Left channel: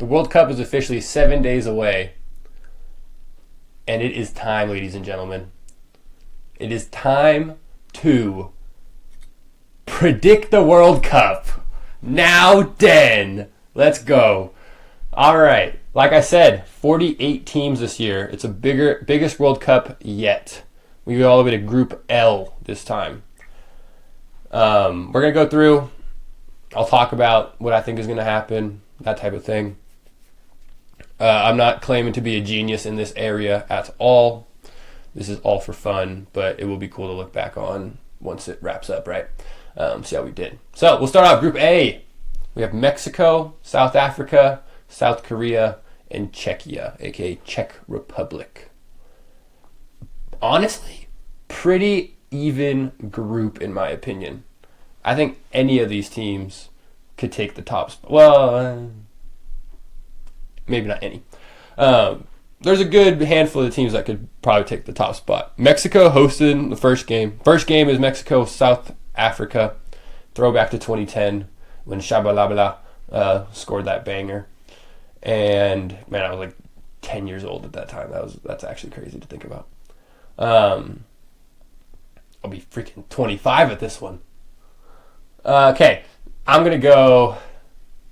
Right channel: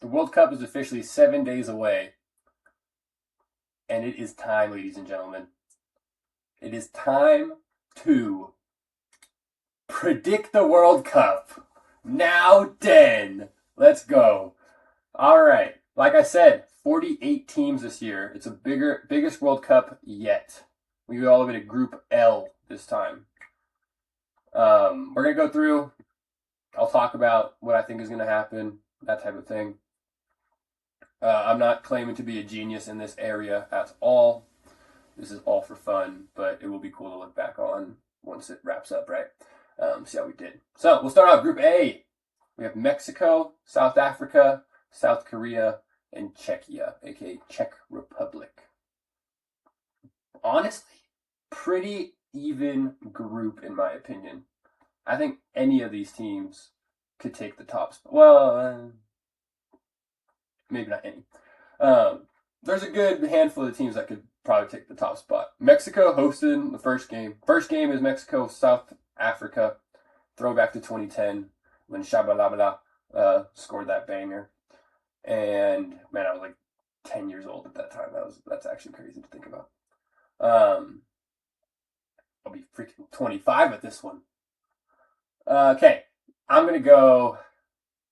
The World Cup is officially 7 days away. And it is time, ladies and gentlemen. It is time to predict the World Cup. Now then. Let's go. All right. Like I said, 48 teams this year. It's a biggest World Cup yet. We go all the way to Group L this time. We're going to go through. I'll talk about what I think is going to happen, that type of thing. I'm not claiming to be a genius in this area at all. This is all for fun, but it will be cool to look back on once it wraps up, right? See how we did. So we'll start out Group A. We have Mexico, South Africa, South Korea, and Czechia, aka Czech Republic. Honestly, pretty even group in my opinion. I think any of these teams could take the top spot. Well, maybe not any. There's a good handful of teams that could probably take the top spot. Mexico hosted the first game. First game is Mexico, South Africa. Throwback to 2010 when Shabalabala scored that banger. And, man, I was like 10 years old at that time. That's actually crazy to think about. I'll be freaking 25 at this one. Okay, I'm going to go...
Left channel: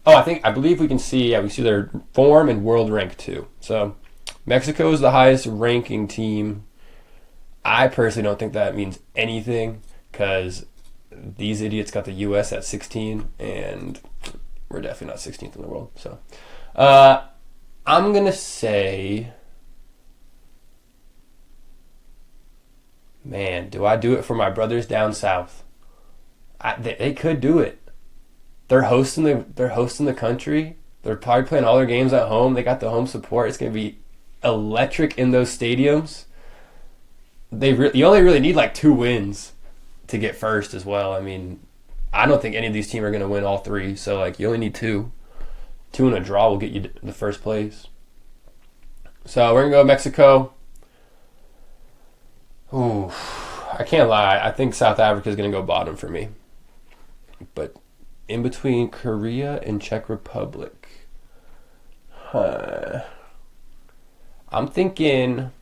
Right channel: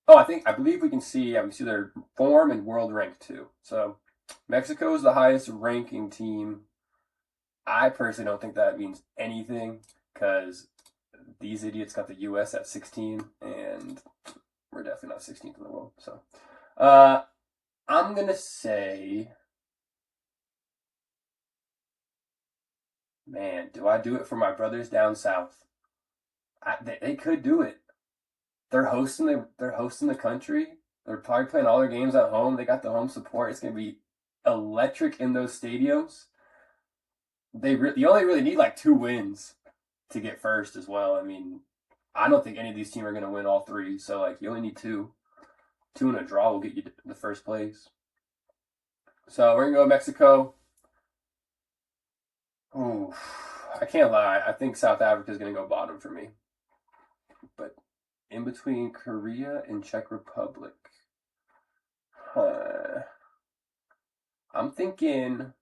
I believe we can see, we see their form and world rank too. So Mexico is the highest ranking team. I personally don't think that means anything because these idiots got the U.S. at 16 and we're definitely not 16th in the world. So I'm going to say, man, do I do it for my brothers down south? They could do it. They're hosting the country. They're probably playing all their games at home. They got the home support. It's going to be electric in those stadiums. You only really need like 2 wins to get first as well. I mean, I don't think any of these teams are going to win all 3. So like you only need 2. 2 and a draw will get you the first place. So we're going to go Mexico. Ooh, I can't lie. I think South Africa is going to go bottom for me. But in between Korea and Czech Republic. I'm thinking,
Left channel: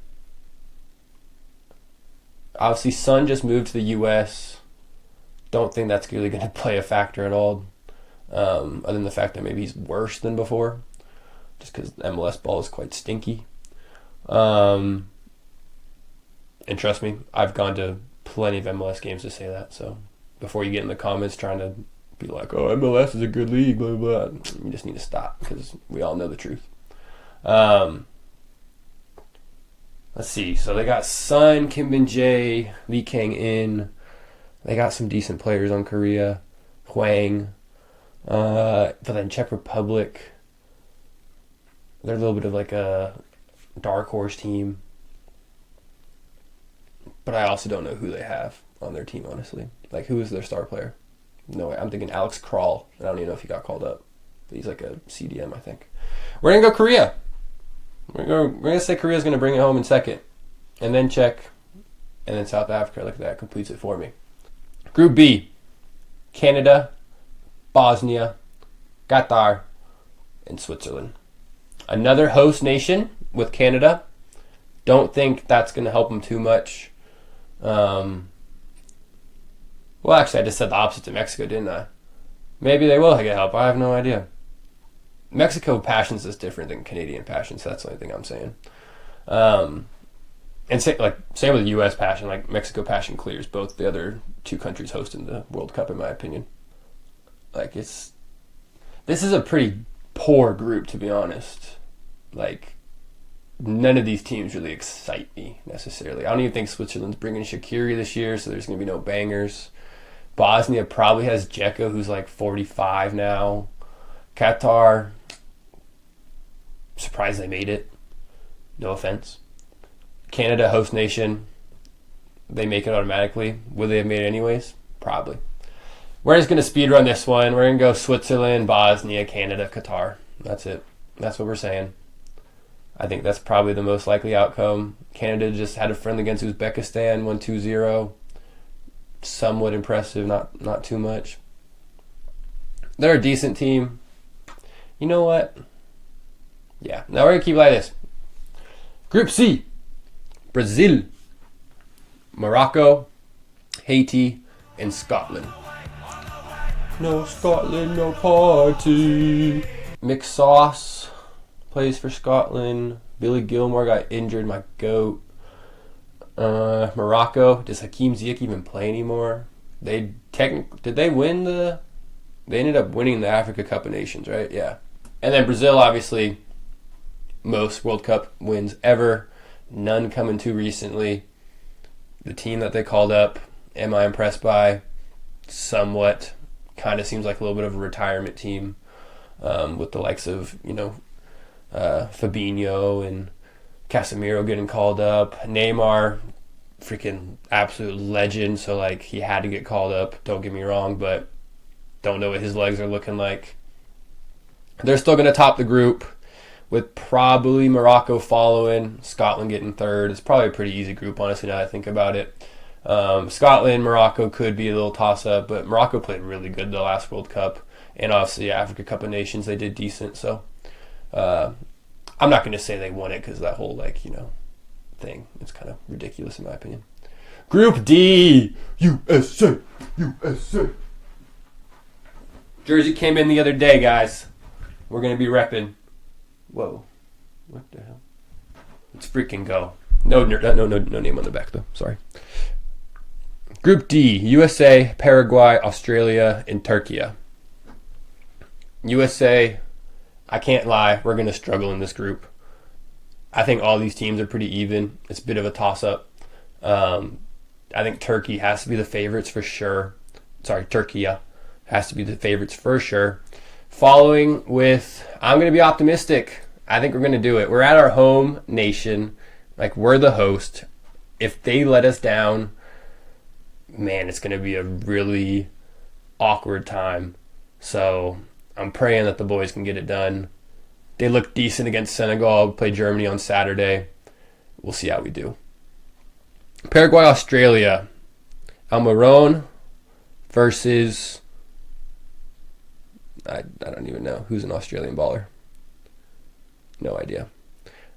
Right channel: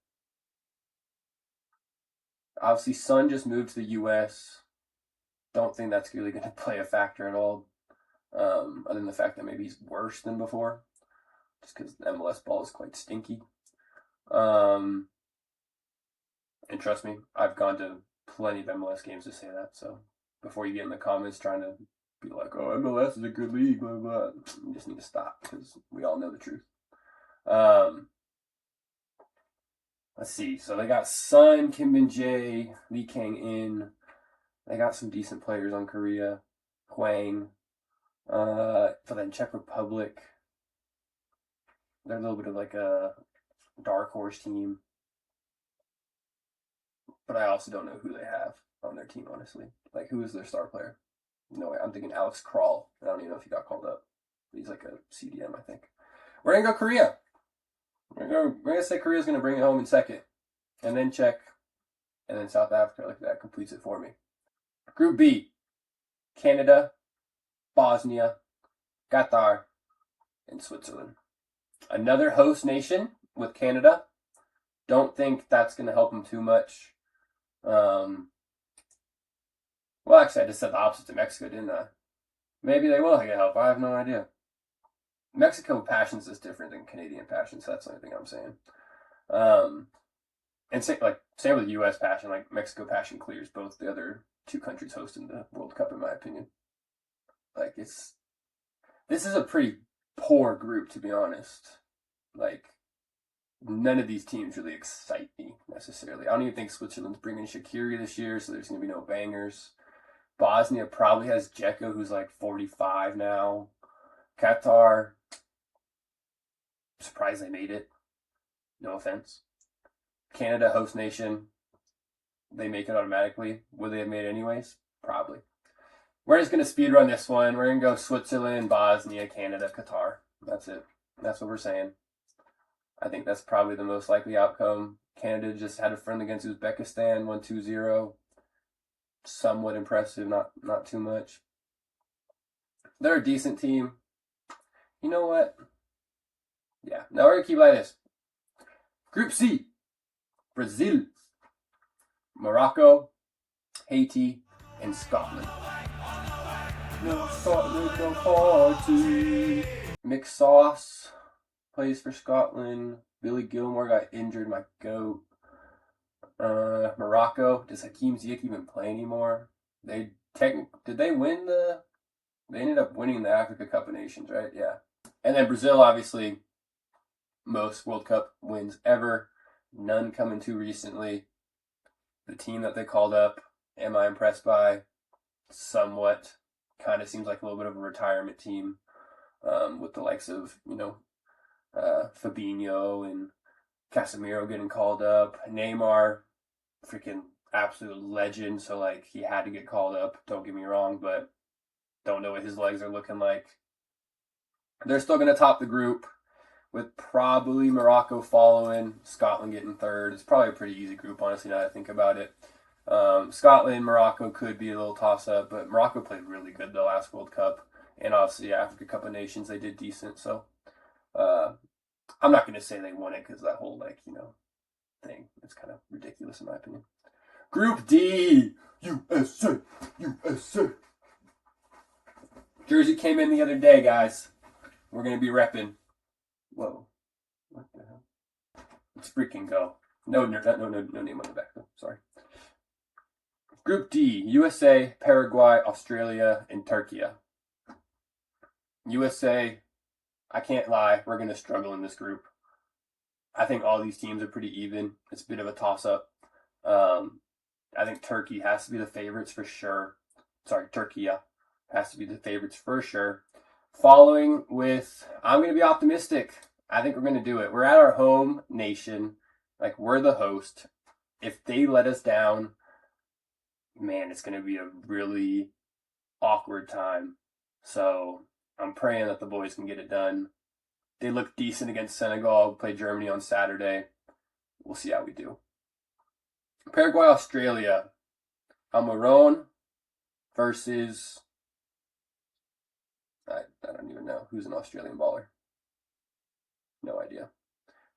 obviously Son just moved to the U.S. Don't think that's really going to play a factor at all. Other than the fact that maybe he's worse than before. Just because MLS ball is quite stinky. And trust me, I've gone to plenty of MLS games to say that. So before you get in the comments trying to be like, oh, MLS is a good league, blah, blah, blah. You just need to stop because we all know the truth. Let's see. So they got Son, Kim Min-jae, Lee Kang-in. They got some decent players on Korea. Hwang. But then Czech Republic, they're a little bit of like a dark horse team. But I also don't know who they have on their team, honestly. Like, who is their star player? No way. I'm thinking Alex Kral. I don't even know if he got called up. But he's like a CDM, I think. We're going to go Korea. We're going to say Korea's going to bring it home in second. And then Czech. And then South Africa. Like that completes it for me. Group B. Canada, Bosnia, Qatar, and Switzerland. Another host nation with Canada. Don't think that's going to help them too much. Well, actually, I just said the opposite to Mexico, didn't I? Maybe they will get help. I have no idea. Mexico passions is different than Canadian passions, so that's the only thing I'm saying. And same with the U.S. passion. Like Mexico passion clears both the other 2 countries hosting the World Cup, in my opinion. Like this is a pretty poor group, to be honest. Like none of these teams really excite me necessarily. I don't even think Switzerland's bringing Shaqiri this year, so there's going to be no bangers. Bosnia probably has Dzeko, who's like 45 now. Qatar, surprised they made it. No offense. Canada, host nation, they make it automatically. Would they have made it anyways? Probably. We're just going to speed run this one. We're going to go Switzerland, Bosnia, Canada, Qatar. That's it. That's what we're saying. I think that's probably the most likely outcome. Canada just had a friendly against Uzbekistan, won 2-0. Somewhat impressive, not too much. They're a decent team. You know what? Yeah. Now we're going to keep it like this. Group C. Brazil, Morocco, Haiti, and Scotland. No Scotland, no party. Mick Sauce plays for Scotland. Billy Gilmore got injured, my goat. Morocco, does Hakeem Ziyech even play anymore? Did they win they ended up winning the Africa Cup of Nations, right? Yeah. And then Brazil, obviously, most World Cup wins ever. None coming too recently. The team that they called up, am I impressed by? Somewhat. Kind of seems like a little bit of a retirement team with the likes of, Fabinho and Casemiro getting called up. Neymar, freaking absolute legend, so like he had to get called up, don't get me wrong, but don't know what his legs are looking like. They're still going to top the group with probably Morocco following, Scotland getting third. It's probably a pretty easy group, honestly, now that I think about it. Scotland, Morocco could be a little toss-up, but Morocco played really good the last World Cup, and obviously Africa Cup of Nations, they did decent, so I'm not going to say they won it because that whole, thing is kind of ridiculous in my opinion. Group D, USA, USA. Jersey came in the other day, guys. We're going to be repping. Whoa. What the hell? Let's freaking go. No name on the back, though. Sorry. Group D, USA, Paraguay, Australia, and Turkey. USA, I can't lie, we're going to struggle in this group. I think all these teams are pretty even. It's a bit of a toss-up. I think Turkey has to be the favorites for sure. Turkey has to be the favorites for sure. Following with, I'm going to be optimistic. I think we're going to do it. We're at our home nation. Like, we're the host. If they let us down, man, it's going to be a really awkward time. So I'm praying that the boys can get it done. They look decent against Senegal. Play Germany on Saturday. We'll see how we do. Paraguay, Australia. Almiron versus... I don't even know. Who's an Australian baller? No idea.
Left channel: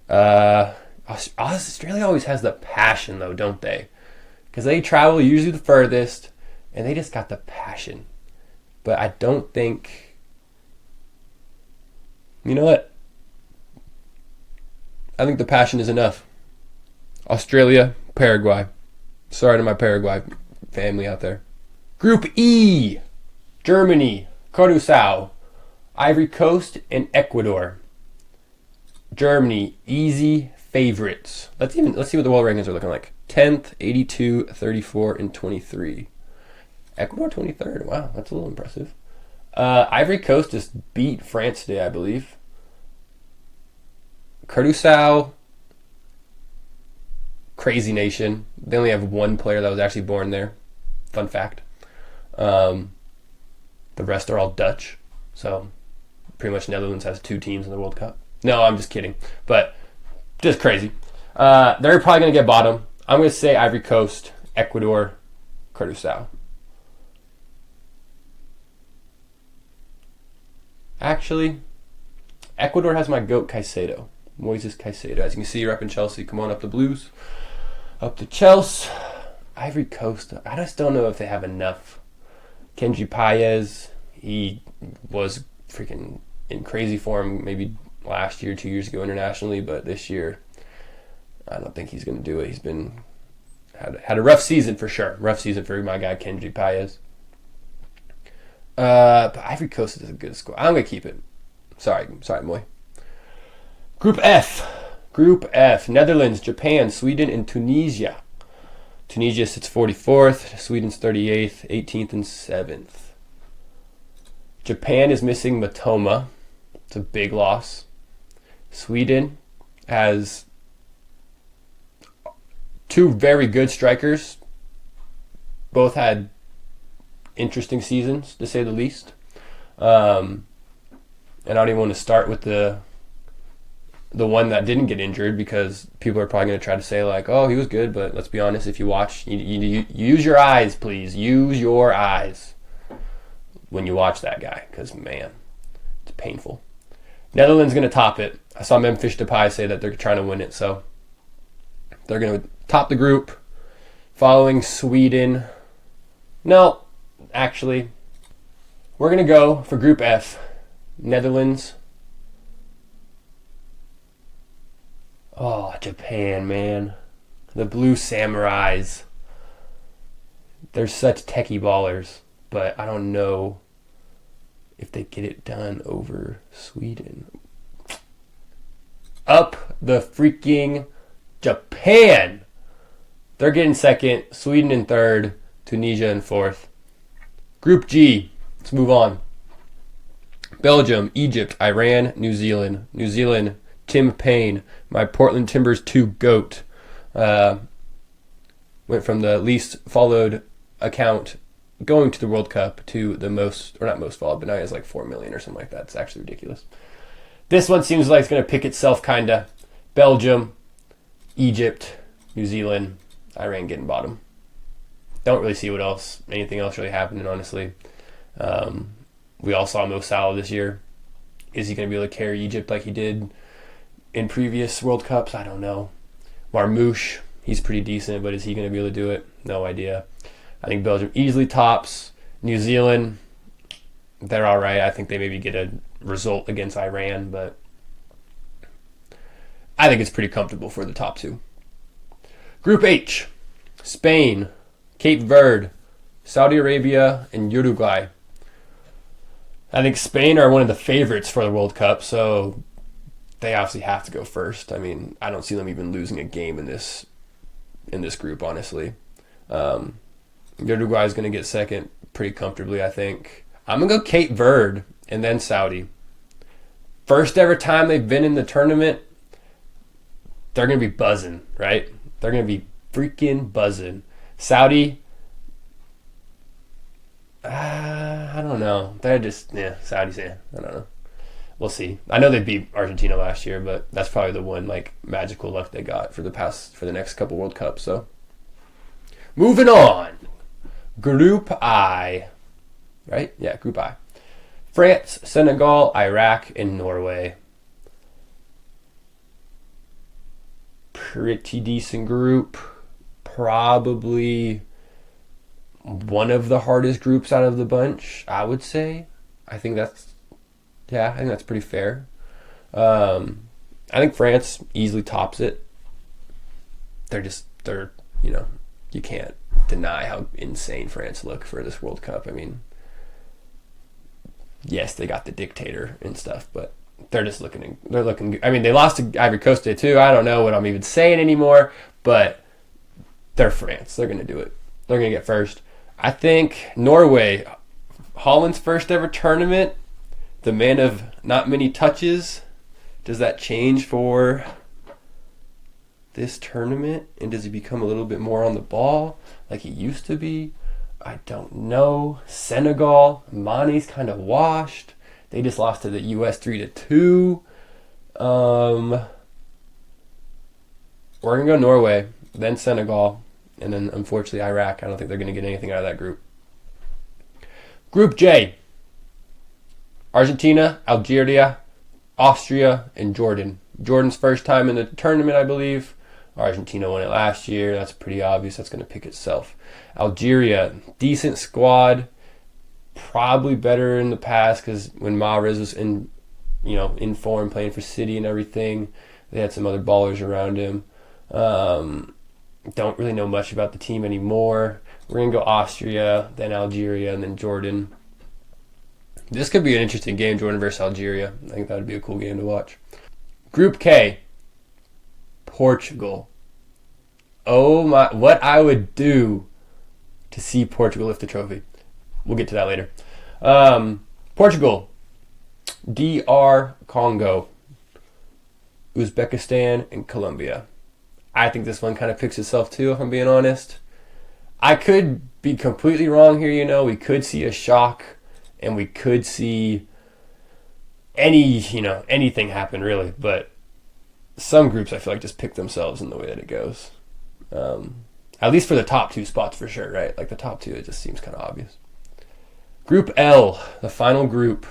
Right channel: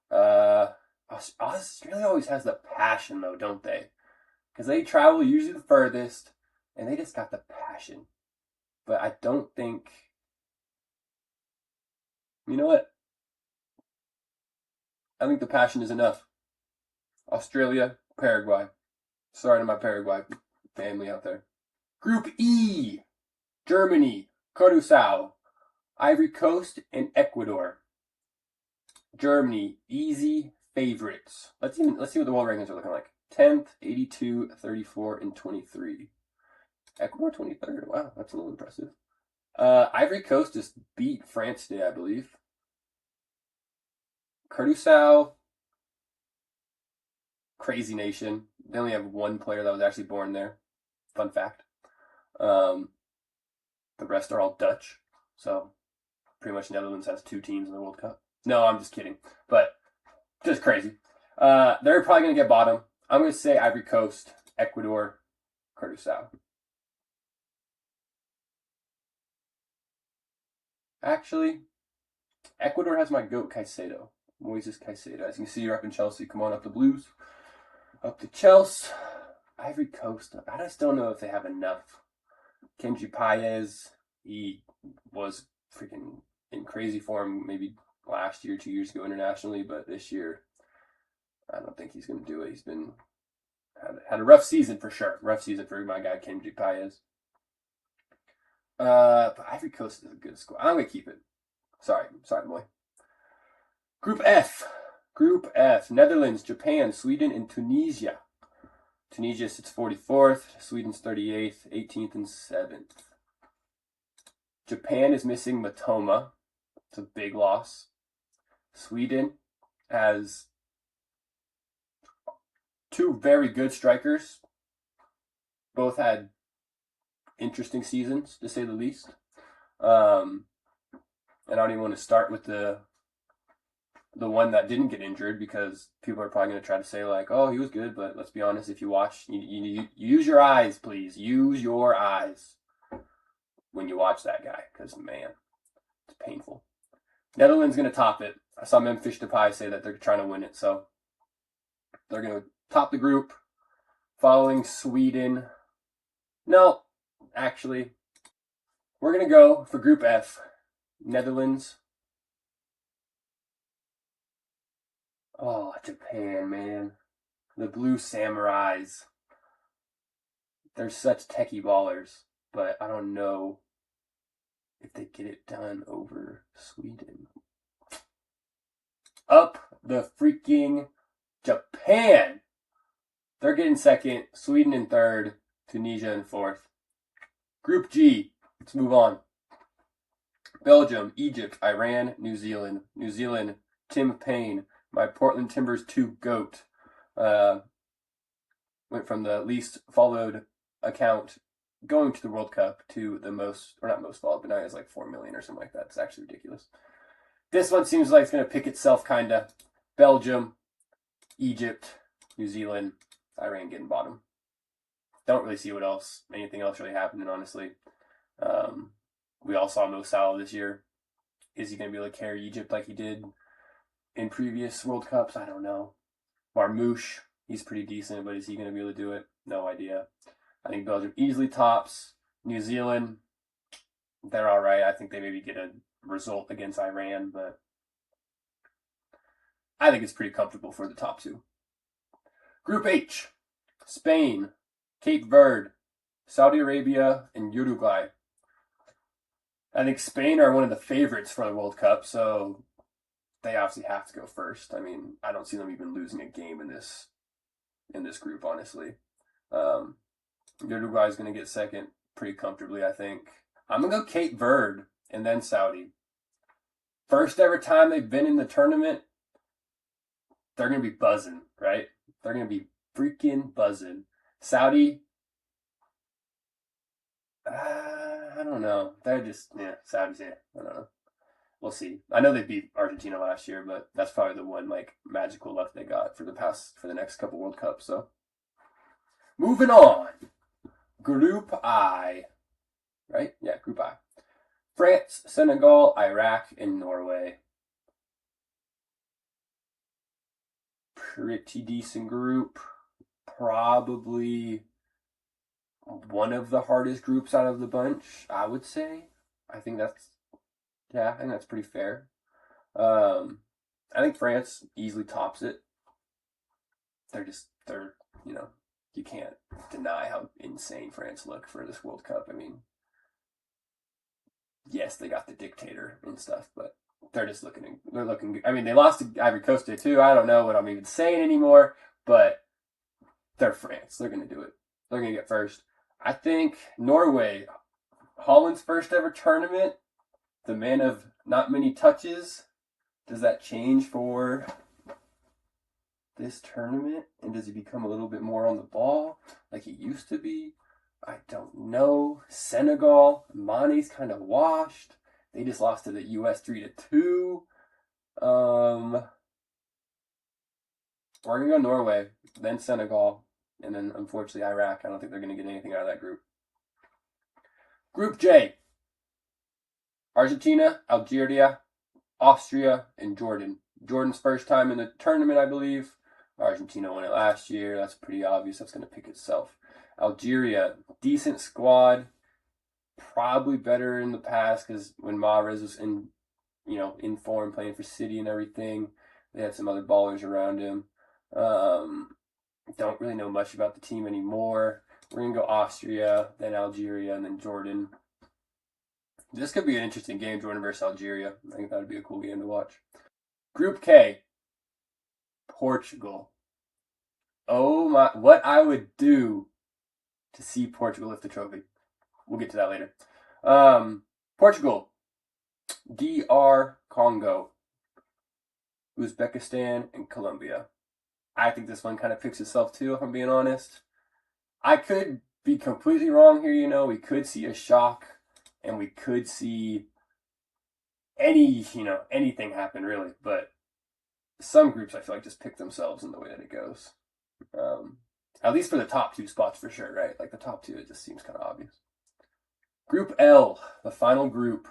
Australia always has the passion, though, don't they? Because they travel usually the furthest, and they just got the passion. But I don't think... You know what? I think the passion is enough. Australia, Paraguay. Sorry to my Paraguay family out there. Group E. Germany, Curaçao, Ivory Coast, and Ecuador. Germany, easy favorites. Let's see what the world rankings are looking like. 10th, 82, 34, and 23. Ecuador 23rd. Wow, that's a little impressive. Ivory Coast just beat France today, I believe. Curaçao, crazy nation. They only have one player that was actually born there. Fun fact. The rest are all Dutch. So pretty much Netherlands has 2 teams in the World Cup. No, I'm just kidding. But just crazy. They're probably going to get bottom. I'm going to say Ivory Coast, Ecuador, Curaçao. Actually, Ecuador has my GOAT Caicedo. Moises Caicedo. As you can see, you're up in Chelsea. Come on up the Blues. Up to Chelsea. Ivory Coast. I just don't know if they have enough. Kenji Paez, he was freaking in crazy form maybe last year, 2 years ago internationally, but this year, I don't think he's going to do it. He's been had a rough season for sure. Rough season for my guy, Kenji Paez. But Ivory Coast is a good score. I'm going to keep it. Sorry, boy. Group F. Netherlands, Japan, Sweden, and Tunisia. Tunisia sits 44th. Sweden's 38th, 18th, and 7th. Japan is missing Matoma. It's a big loss. Sweden has 2 very good strikers. Both had interesting seasons, to say the least. And I don't even want to start with the one that didn't get injured, because people are probably going to try to say like, oh, he was good, but let's be honest, if you watch, you use your eyes, please. Use your eyes when you watch that guy, because, man, it's painful. Netherlands going to top it. I saw Memphis Depay say that they're trying to win it, so they're going to top the group, following Sweden. No, actually, we're going to go for Group F. Netherlands. Oh, Japan, man. The Blue Samurais. They're such techie ballers, but I don't know if they get it done over Sweden. Up the freaking Japan! They're getting second, Sweden in third, Tunisia in fourth. Group G, let's move on. Belgium, Egypt, Iran, New Zealand. New Zealand, Tim Payne, my Portland Timbers 2 GOAT. Went from the least followed account going to the World Cup to the most, or not most followed, but now he has like 4 million or something like that. It's actually ridiculous. This one seems like it's going to pick itself, kind of. Belgium, Egypt, New Zealand, Iran getting bottom. Don't really see anything else really happening, honestly. We all saw Mo Salah this year. Is he going to be able to carry Egypt like he did in previous World Cups? I don't know. Marmouche, he's pretty decent, but is he going to be able to do it? No idea. I think Belgium easily tops. New Zealand, they're all right. I think they maybe get a result against Iran, but I think it's pretty comfortable for the top two. Group H, Spain, Cape Verde, Saudi Arabia, and Uruguay. I think Spain are one of the favorites for the World Cup, so they obviously have to go first. I mean, I don't see them even losing a game in this group, honestly. Uruguay is going to get second pretty comfortably, I think. I'm going to go Cape Verde and then Saudi. First ever time they've been in the tournament, they're going to be buzzing, right? They're going to be freaking buzzing. Saudi, I don't know. They're just, Saudi's, I don't know. We'll see. I know they beat Argentina last year, but that's probably the one like magical luck they got for the next couple World Cups. So, moving on. Group I. Right? Yeah, Group I. France, Senegal, Iraq, and Norway. Pretty decent group. Probably one of the hardest groups out of the bunch, I would say. I think that's pretty fair. I think France easily tops it. You can't deny how insane France look for this World Cup. I mean, yes, they got the dictator and stuff, but they're looking. I mean, they lost to Ivory Coast today too. I don't know what I'm even saying anymore, but they're France. They're going to do it. They're going to get first. I think Norway, Holland's first ever tournament, the man of not many touches. Does that change for this tournament? And does he become a little bit more on the ball like he used to be? I don't know. Senegal, Mane's kind of washed. They just lost to the US 3-2. We're going to go Norway, then Senegal, and then unfortunately Iraq. I don't think they're going to get anything out of that group. Group J. Argentina, Algeria, Austria, and Jordan. Jordan's first time in the tournament, I believe. Argentina won it last year. That's pretty obvious. That's going to pick itself. Algeria, decent squad. Probably better in the past because when Mahrez was in form, playing for City and everything, they had some other ballers around him. Don't really know much about the team anymore. We're going to go Austria, then Algeria, and then Jordan. This could be an interesting game, Jordan versus Algeria. I think that would be a cool game to watch. Group K, Portugal. Oh my, what I would do to see Portugal lift the trophy. We'll get to that later. Portugal, DR Congo, Uzbekistan, and Colombia. I think this one kind of picks itself too, if I'm being honest. I could be completely wrong here, we could see a shock and we could see anything happen really, but some groups I feel like just pick themselves in the way that it goes. At least for the top two spots for sure, right? Like the top two, it just seems kind of obvious. Group L, the final group.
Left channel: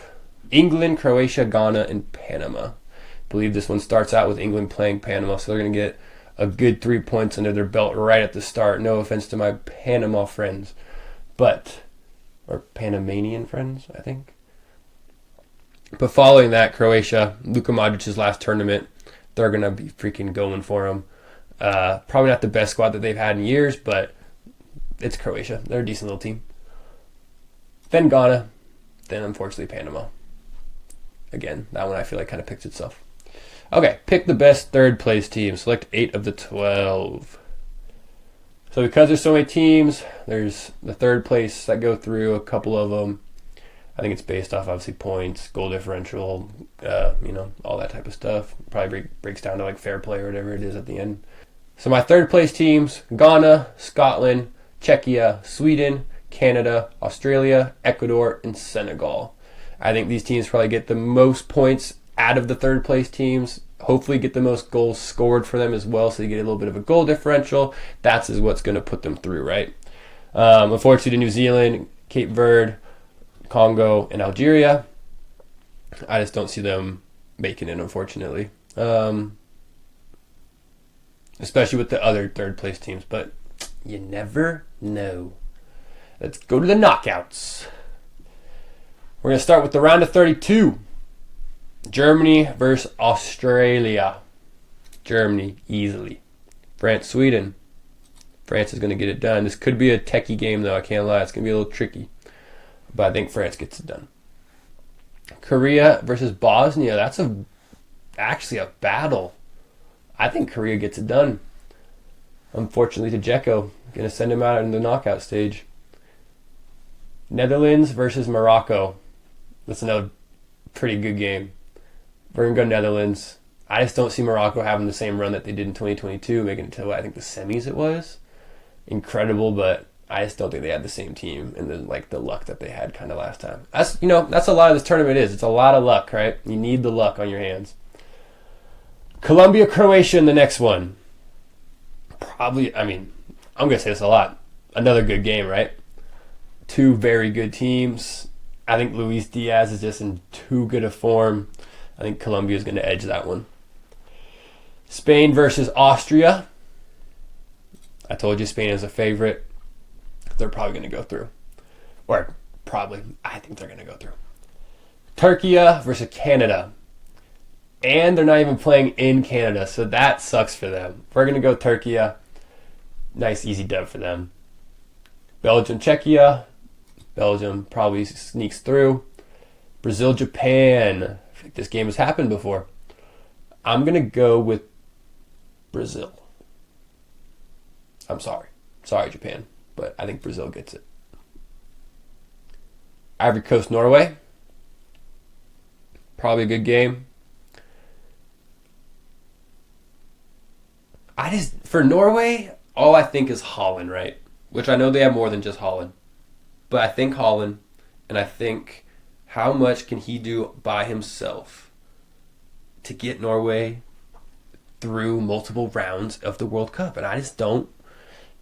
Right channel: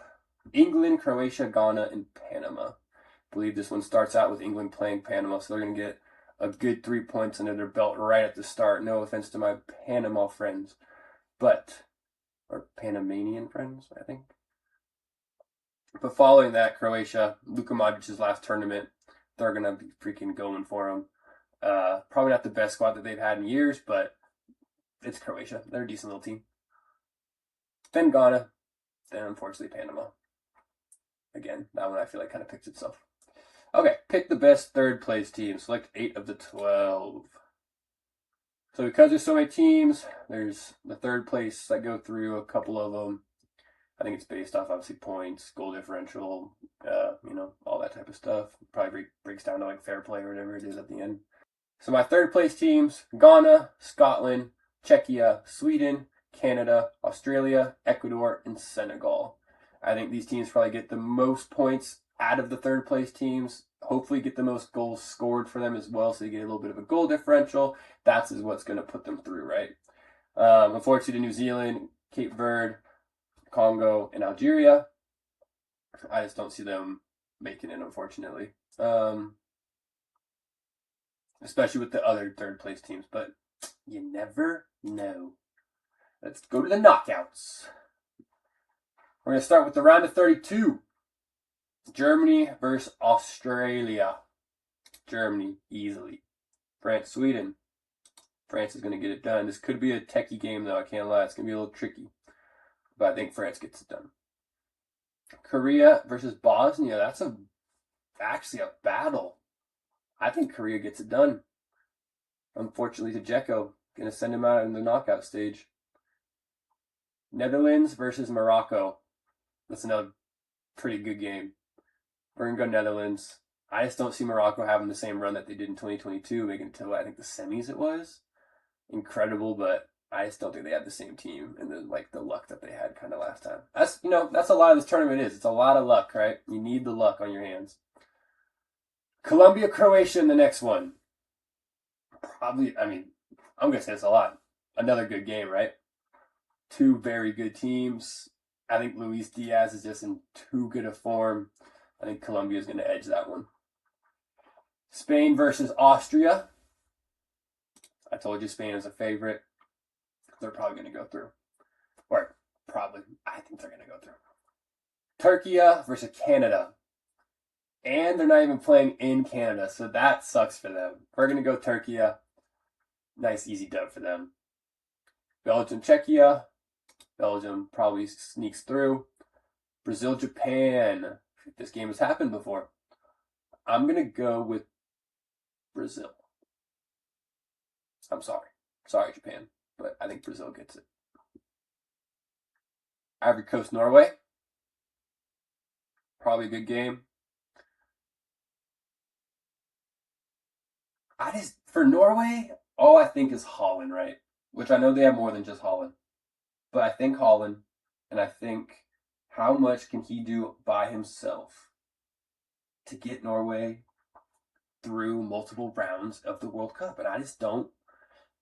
England, Croatia, Ghana, and Panama. believe this one starts out with England playing Panama, so they're going to get a good 3 points under their belt right at the start. No offense to my Panama friends, or Panamanian friends, I think. But following that, Croatia, Luka Modric's last tournament, they're going to be freaking going for him. Probably not the best squad that they've had in years, but it's Croatia. They're a decent little team. Then Ghana, then unfortunately Panama. Again, that one I feel like kind of picks itself. Okay, pick the best third place team. Select 8 of the 12. So because there's so many teams, there's the third place that go through, a couple of them. I think it's based off, obviously, points, goal differential, all that type of stuff. Probably breaks down to like fair play or whatever it is at the end. So my third place teams, Ghana, Scotland, Czechia, Sweden, Canada, Australia, Ecuador, and Senegal. I think these teams probably get the most points out of the third place teams. Hopefully get the most goals scored for them as well, so you get a little bit of a goal differential. That's what's going to put them through, right? Unfortunately, New Zealand, Cape Verde, Congo, and Algeria, I just don't see them making it, unfortunately. Especially with the other third place teams, but you never know. Let's go to the knockouts. We're going to start with the round of 32. Germany versus Australia. Germany, easily. France, Sweden. France is going to get it done. This could be a techie game, though. I can't lie. It's going to be a little tricky. But I think France gets it done. Korea versus Bosnia. That's actually a battle. I think Korea gets it done. Unfortunately to Dzeko. Going to send him out in the knockout stage. Netherlands versus Morocco. That's another pretty good game. We're going to go Netherlands. I just don't see Morocco having the same run that they did in 2022, making it to, I think, the semis it was. Incredible, but I just don't think they had the same team and the luck that they had kind of last time. That's a lot of this tournament is. It's a lot of luck, right? You need the luck on your hands. Colombia, Croatia in the next one. Probably, I'm going to say this a lot. Another good game, right? Two very good teams. I think Luis Diaz is just in too good a form. I think Colombia is going to edge that one. Spain versus Austria. I told you Spain is a favorite. They're probably going to go through. Or probably, I think they're going to go through. Turkey versus Canada. And they're not even playing in Canada, so that sucks for them. We're going to go Turkey. Nice, easy dub for them. Belgium, Czechia. Belgium probably sneaks through. Brazil, Japan. I think this game has happened before. I'm going to go with Brazil. I'm sorry. Sorry, Japan. But I think Brazil gets it. Ivory Coast, Norway. Probably a good game. For Norway, all I think is Holland, right? Which I know they have more than just Holland. But I think Holland, and I think how much can he do by himself to get Norway through multiple rounds of the World Cup? And I just don't.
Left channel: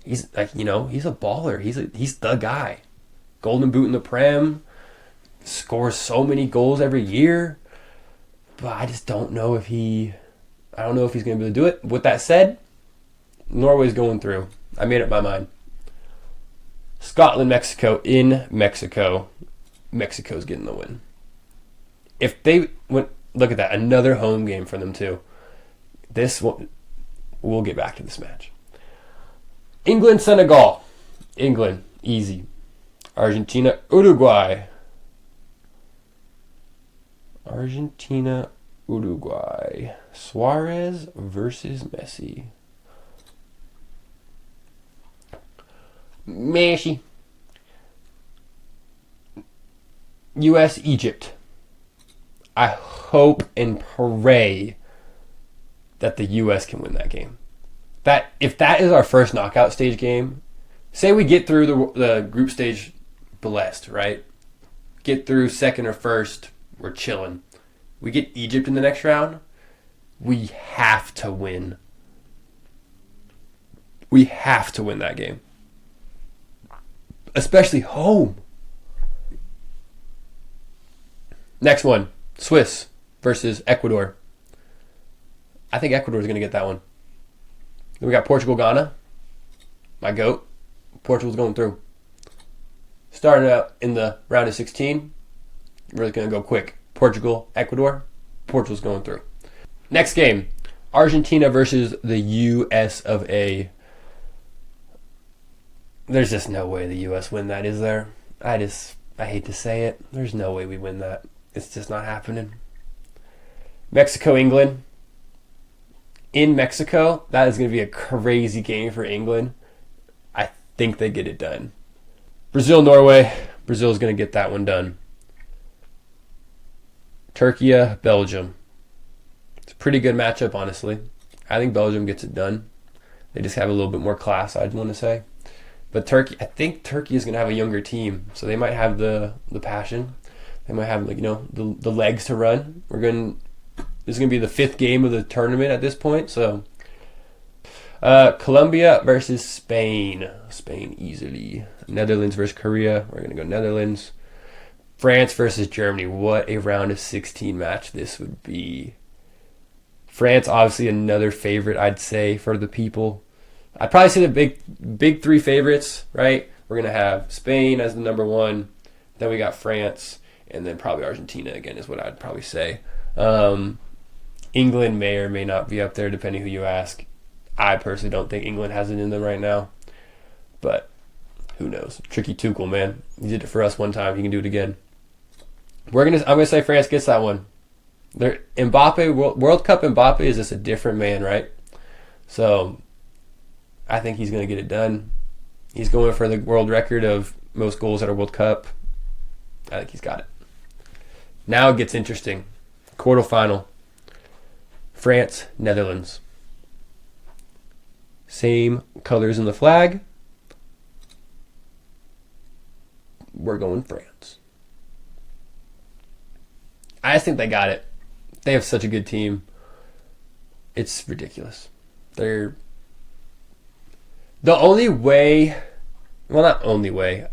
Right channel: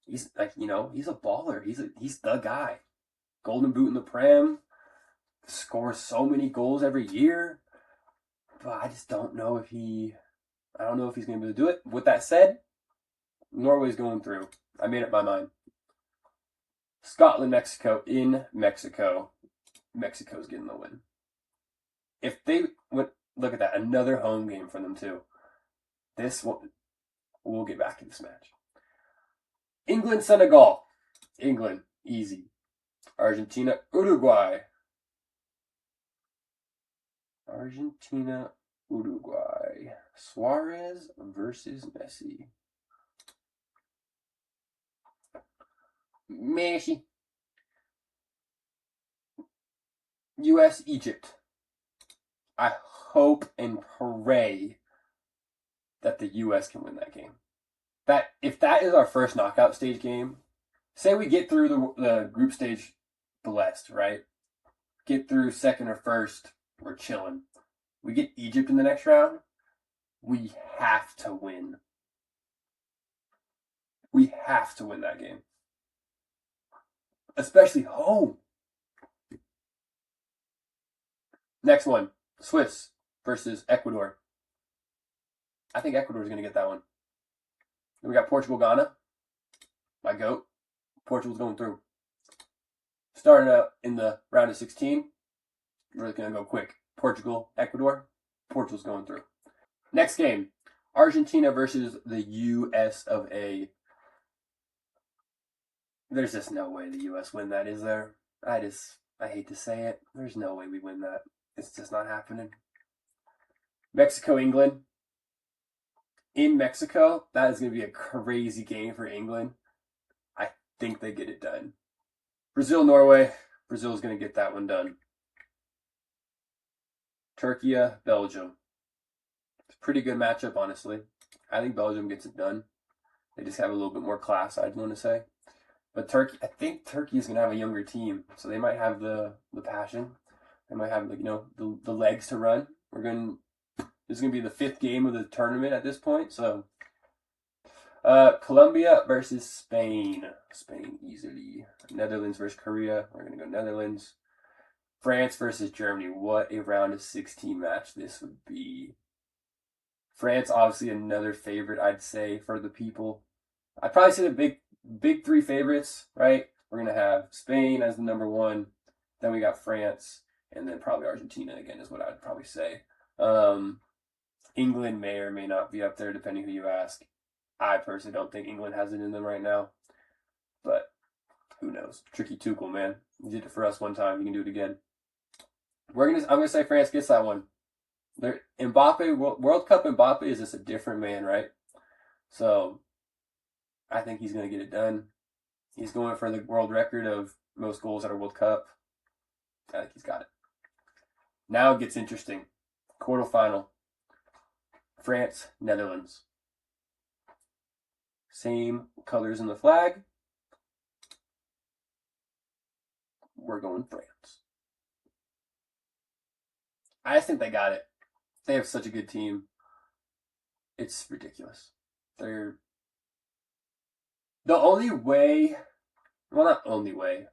He's he's a baller. He's the guy. Golden Boot in the Prem, scores so many goals every year. But I just don't know if I don't know if he's going to be able to do it. With that said, Norway's going through. I made up my mind. Scotland, Mexico in Mexico. Mexico's getting the win. If they went, look at that, another home game for them too. This one, we'll get back to this match. England, Senegal. England, easy. Argentina, Uruguay. Argentina, Uruguay. Suarez versus Messi. Messi. U.S., Egypt. I hope and pray that the U.S. can win that game. If that is our first knockout stage game, say we get through the group stage blessed, right? Get through second or first, we're chilling. We get Egypt in the next round, we have to win. We have to win that game. Especially home. Next one, Swiss versus Ecuador. I think Ecuador's going to get that one. Then we got Portugal, Ghana. My GOAT. Portugal's going through. Starting out in the round of 16. Really going to go quick. Portugal, Ecuador. Portugal's going through. Next game. Argentina versus the US of A. There's just no way the US win that, is there? I hate to say it. There's no way we win that. It's just not happening. Mexico, England. In Mexico, that is going to be a crazy game for England. I think they get it done. Brazil, Norway. Brazil's going to get that one done. Turkey, Belgium. It's a pretty good matchup, honestly. I think Belgium gets it done. They just have a little bit more class, I'd want to say. But Turkey, I think Turkey is going to have a younger team, so they might have the passion. They might have the legs to run. This is going to be the 5th game of the tournament at this point. So, Colombia versus Spain. Spain easily. Netherlands versus Korea. We're going to go Netherlands. France versus Germany. What a round of 16 match this would be. France, obviously another favorite, I'd say, for the people. I'd probably say the big 3 favorites, right? We're going to have Spain as the number 1. Then we got France. And then probably Argentina again is what I'd probably say. England may or may not be up there depending who you ask. I personally don't think England has it in them right now. But who knows? Tricky Tuchel, man. He did it for us one time. He can do it again. I'm gonna say France gets that one. Mbappe, World Cup Mbappe is just a different man, right? So I think he's gonna get it done. He's going for the world record of most goals at a World Cup. I think he's got it. Now it gets interesting. Quarterfinal. France, Netherlands. Same colors in the flag. We're going France. I just think they got it. They have such a good team. It's ridiculous. They're the only way. Well, not only way.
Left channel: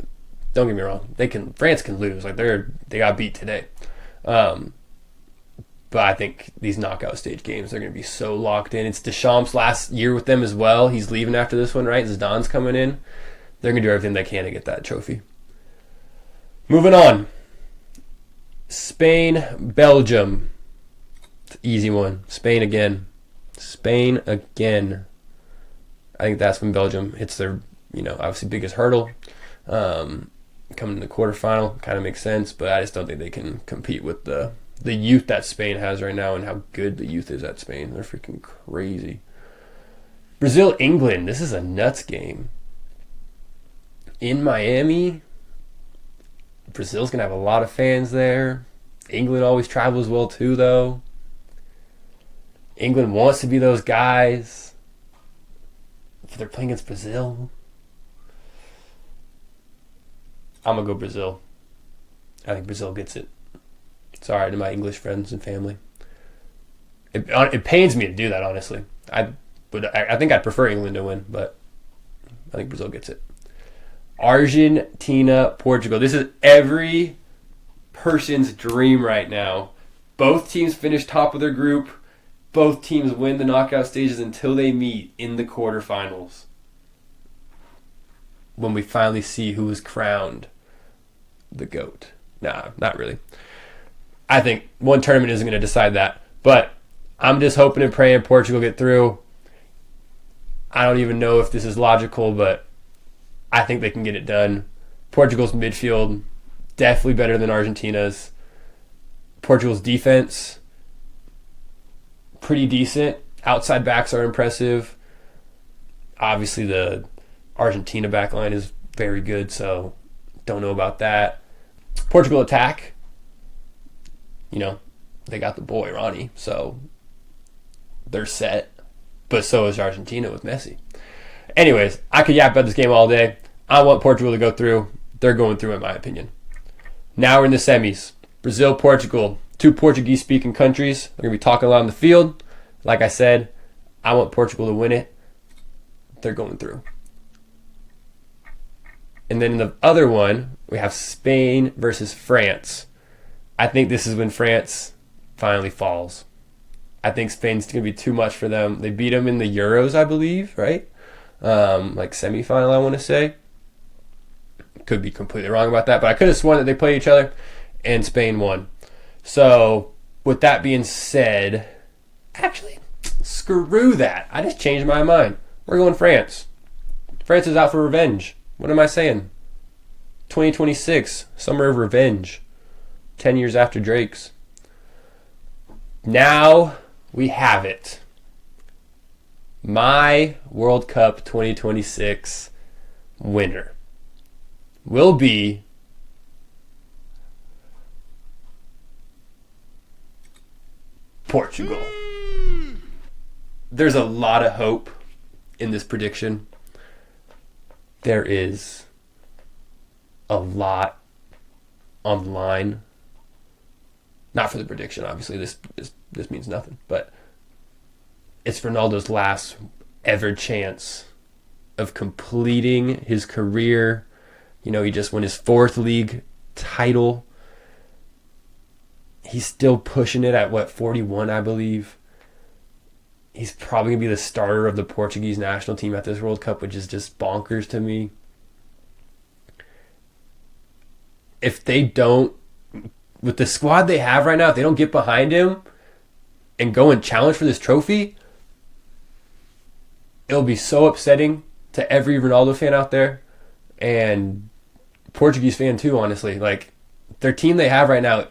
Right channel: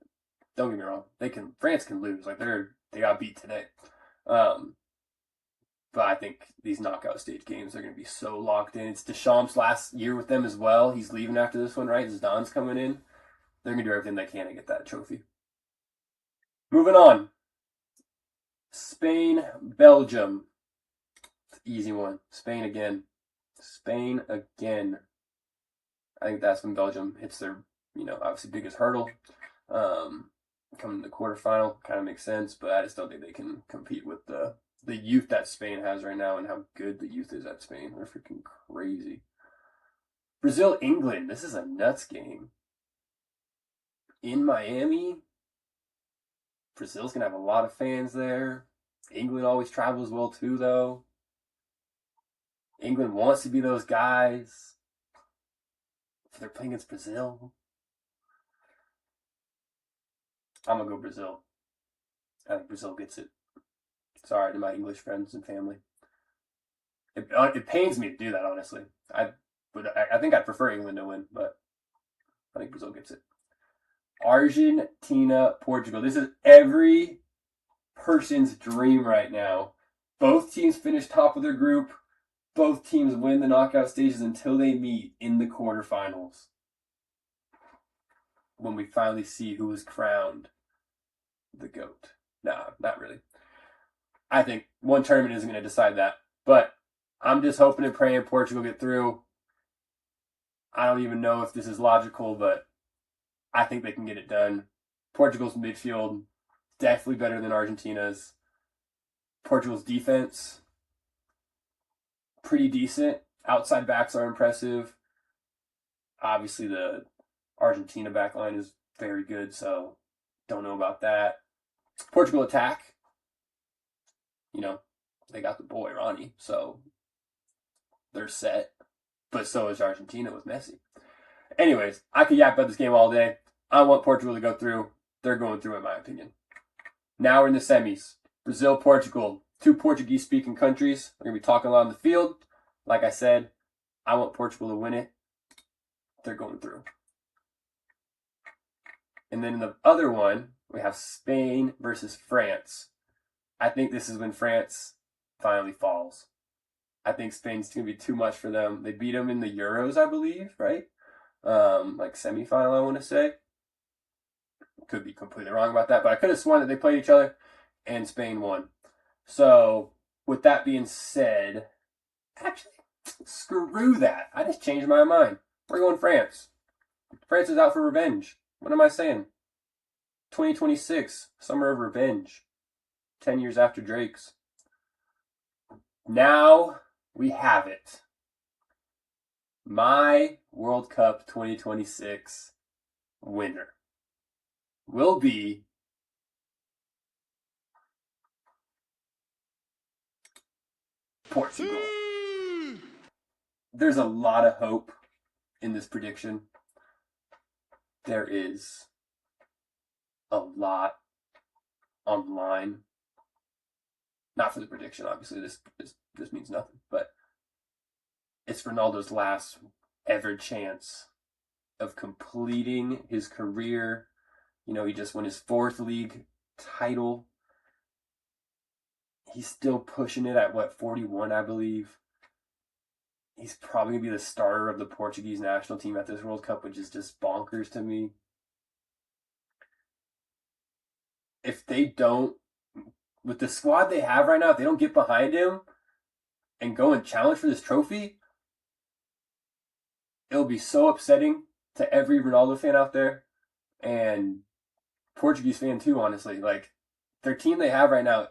Don't get me wrong. France can lose. Like they got beat today. But I think these knockout stage games are going to be so locked in. It's Deschamps' last year with them as well. He's leaving after this one, right? Zidane's coming in. They're going to do everything they can to get that trophy. Moving on. Spain, Belgium. It's an easy one. Spain again. I think that's when Belgium hits their, obviously biggest hurdle. Coming to the quarterfinal kind of makes sense, but I just don't think they can compete with the youth that Spain has right now and how good the youth is at Spain. They're freaking crazy. Brazil, England. This is a nuts game. In Miami, Brazil's going to have a lot of fans there. England always travels well too, though. England wants to be those guys. If they're playing against Brazil, I'm going to go Brazil. I think Brazil gets it. Sorry to my English friends and family. It pains me to do that, honestly. I think I'd prefer England to win, but I think Brazil gets it. Argentina, Portugal. This is every person's dream right now. Both teams finish top of their group. Both teams win the knockout stages until they meet in the quarterfinals. When we finally see who is crowned the GOAT. Nah, not really. I think one tournament isn't going to decide that. But I'm just hoping and praying Portugal get through. I don't even know if this is logical, but I think they can get it done. Portugal's midfield, definitely better than Argentina's. Portugal's defense, pretty decent. Outside backs are impressive. Obviously, the Argentina backline is very good, so don't know about that. Portugal attack. They got the boy, Ronnie, so they're set. But so is Argentina with Messi. Anyways, I could yap about this game all day. I want Portugal to go through. They're going through, in my opinion. Now we're in the semis. Brazil, Portugal. 2 Portuguese-speaking countries. They're going to be talking a lot on the field. Like I said, I want Portugal to win it. They're going through. And then in the other one, we have Spain versus France. I think this is when France finally falls. I think Spain's going to be too much for them. They beat them in the Euros, I believe, right? Like semifinal, I want to say. Could be completely wrong about that, but I could have sworn that they played each other and Spain won. So, with that being said, actually, screw that. I just changed my mind. We're going France. France is out for revenge. What am I saying? 2026, summer of revenge. 10 years after Drake's. Now we have it. My World Cup 2026 winner will be Portugal. There's a lot of hope in this prediction. There is a lot on the line. Not for the prediction, obviously. This means nothing. But it's Ronaldo's last ever chance of completing his career. You know, he just won his 4th league title. He's still pushing it at, 41, I believe. He's probably going to be the starter of the Portuguese national team at this World Cup, which is just bonkers to me. If they don't, with the squad they have right now, if they don't get behind him and go and challenge for this trophy, it'll be so upsetting to every Ronaldo fan out there and Portuguese fan too, honestly. Like, their team they have right now,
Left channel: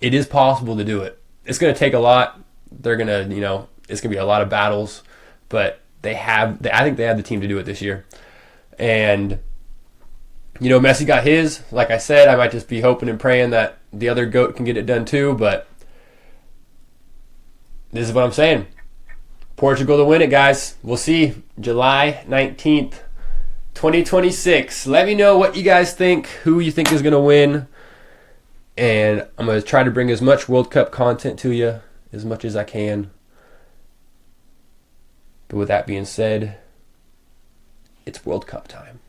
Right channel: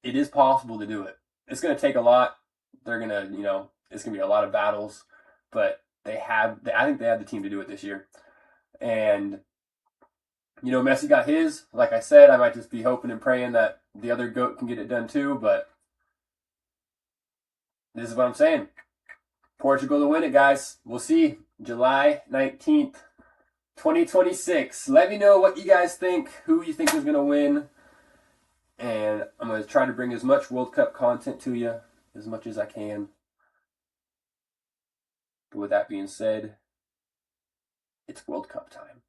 it is possible to do it. It's going to take a lot. They're going to, it's going to be a lot of battles, but I think they have the team to do it this year. And, Messi got his. Like I said, I might just be hoping and praying that the other GOAT can get it done too, but this is what I'm saying. Portugal to win it, guys. We'll see. July 19th, 2026. Let me know what you guys think, who you think is going to win. And I'm going to try to bring as much World Cup content to you as much as I can. But with that being said, it's World Cup time.